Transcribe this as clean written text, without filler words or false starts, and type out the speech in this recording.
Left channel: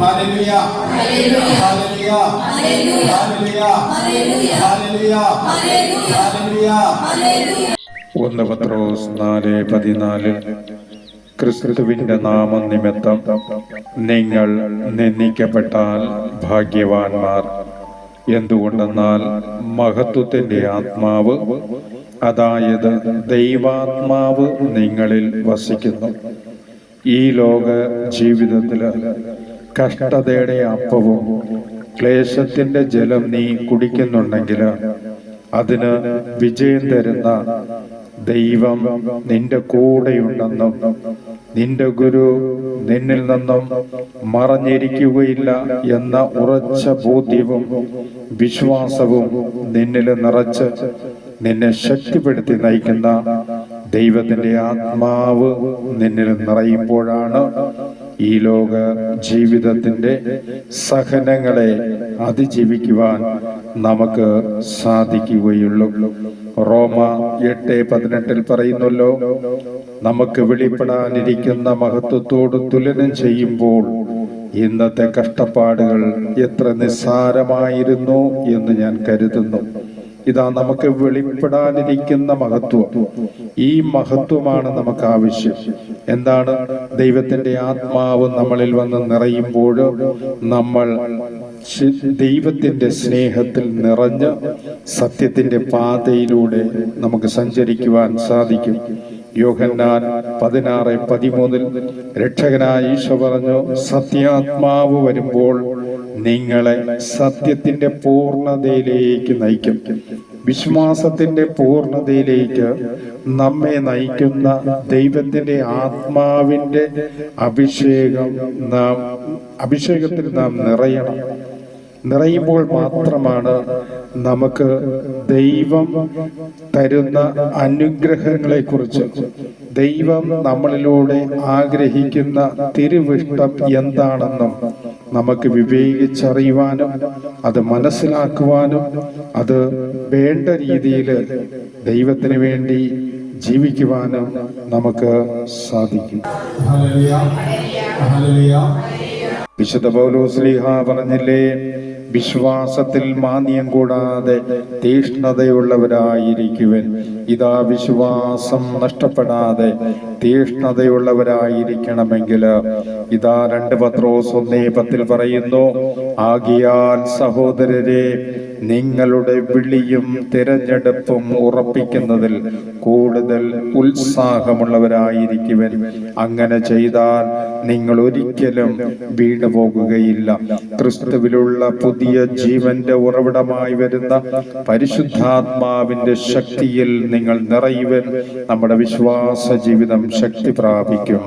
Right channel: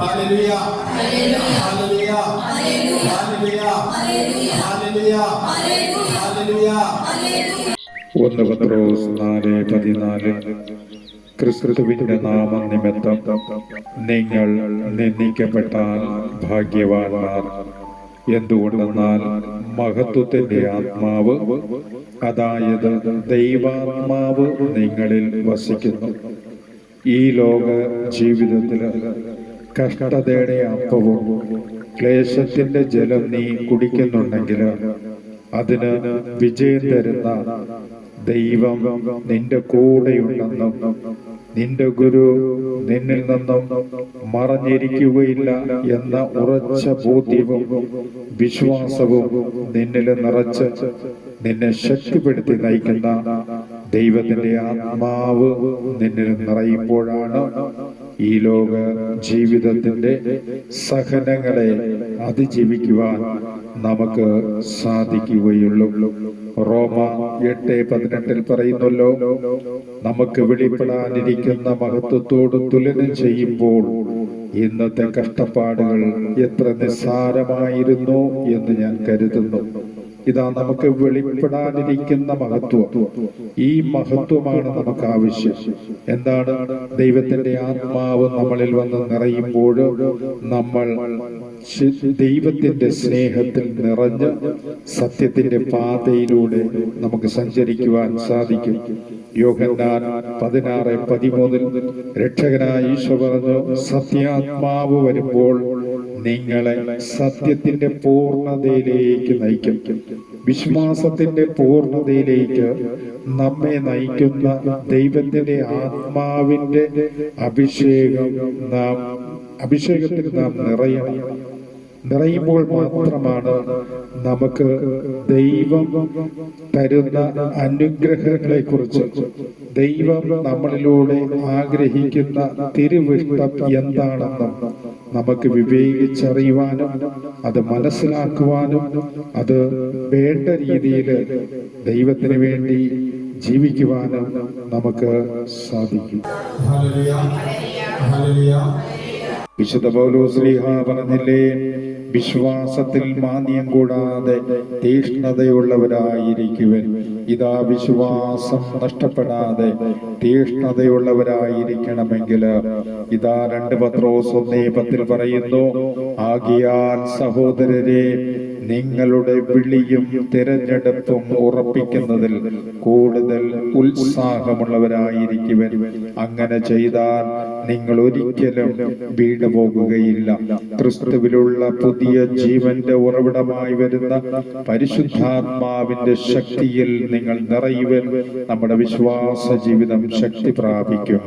Hallelujah hallelujah hallelujah hallelujah hallelujah. 1 പത്രോസ് 4:14 ക്രിസ്തുവിന്റെ നാമനിമിത്തം നിങ്ങൾ നിന്ദിക്കപ്പെട്ടാൽ ഭാഗ്യവാന്മാർ. എന്തുകൊണ്ടെന്നാൽ മഹത്വത്തിന്റെ ആത്മാവ്, അതായത് ദൈവാത്മാവ് നിങ്ങളിൽ വസിക്കുന്നു. ഈ ലോക ജീവിതത്തിൽ കഷ്ടതയുടെ അപ്പവും ക്ലേശത്തിന്റെ ജലം നീ കുടിക്കുന്നുണ്ടെങ്കിൽ അതിന് വിജയം തരുന്ന ദൈവം നിന്റെ കൂടെയുണ്ടെന്നും നിന്റെ ഗുരു നിന്നിൽ നിന്നും മറഞ്ഞിരിക്കുകയില്ല എന്ന ഉറച്ച ബോധ്യവും വിശ്വാസവും നിന്നിൽ നിറച്ച് നിന്നെ ശക്തിപ്പെടുത്തി നയിക്കുന്ന ദൈവത്തിന്റെ ആത്മാവ് നിന്നിൽ നിറയുമ്പോഴാണ് ഈ ലോക ജീവിതത്തിന്റെ സഹനങ്ങളെ അതിജീവിക്കുവാൻ നമുക്ക് സാധിക്കുകയുള്ളൂ. റോമ 8:18 പറയുന്നല്ലോ, നമുക്ക് വെളിപ്പെടാനിരിക്കുന്ന മഹത്വത്തോട് തുലനം ചെയ്യുമ്പോൾ ഇന്നത്തെ കഷ്ടപ്പാടുകൾ എത്ര നിസ്സാരമായിരുന്നു എന്ന് ഞാൻ കരുതുന്നു. ഇതാ നമുക്ക് വെളിപ്പെടാനിരിക്കുന്ന മഹത്വം. ഈ മഹത്വമാണ് നമുക്ക് ആവശ്യം. എന്താണ്? ദൈവത്തിന്റെ ആത്മാവ് നമ്മളിൽ വന്ന് നിറയുമ്പോൾ നമ്മൾ ദൈവത്തിന്റെ സ്നേഹത്തിൽ നിറഞ്ഞ് സത്യത്തിന്റെ പാതയിലൂടെ നമുക്ക് സഞ്ചരിക്കുവാൻ സാധിക്കും. യോഹന്നാൻ 16:13 രക്ഷകനായ ഈശോ പറഞ്ഞു, സത്യാത്മാവ് വരുമ്പോൾ നിങ്ങളെ സത്യത്തിന്റെ പൂർണ്ണതയിലേക്ക് നയിക്കും. വിശ്വാസത്തിന്റെ പൂർണ്ണതയിലേക്ക് നമ്മെ നയിക്കുന്ന ദൈവത്തിന്റെ ആത്മാവിന്റെ അഭിഷേകത്തിൽ നാം നിറയണം. നിറയുമ്പോൾ മാത്രമാണ് നമുക്ക് ദൈവം തരുന്ന അനുഗ്രഹങ്ങളെ കുറിച്ച്, ദൈവം നമ്മളിലൂടെ ആഗ്രഹിക്കുന്ന തിരുവിഷ്ടം എന്താണെന്നും നമുക്ക് വിവേകിച്ചറിയുവാനും അത് മനസ്സിലാക്കുവാനും അത് വേണ്ട രീതിയിൽ ദൈവത്തിന് വേണ്ടി ജീവിക്കുവാനും നമുക്ക് സാധിക്കും. വിശുദ്ധ പൗലോസ് ശ്ലീഹ പറഞ്ഞില്ലേ, വിശ്വാസത്തിൽ മാന്യം കൂടാതെ തീഷ്ണതയുള്ളവരായിരിക്കുവൻ. ഇതാ വിശ്വാസം നഷ്ടപ്പെടാതെ തീഷ്ണതയുള്ളവരായിരിക്കണമെങ്കിൽ ഇതാ 2 പത്രോസ് 1:10 പറയുന്നു, ആകയാൽ സഹോദരരെ, നിങ്ങളുടെ വിളിയും തിരഞ്ഞെടുപ്പും ഉറപ്പിക്കുന്നതിൽ കൂടുതൽ ഉത്സാഹമുള്ളവരായിരിക്കുവൻ. അങ്ങനെ ചെയ്താൽ നിങ്ങൾ ഒരിക്കലും വീണുപോകുകയില്ല. ക്രിസ്തുവിലുള്ള പുതിയ ജീവന്റെ ഉറവിടമായി വരുന്ന പരിശുദ്ധാത്മാവിന്റെ ശക്തിയിൽ നിങ്ങൾ നിറയുവൻ. നമ്മുടെ വിശ്വാസ ജീവിതം ശക്തി പ്രാപിക്കും.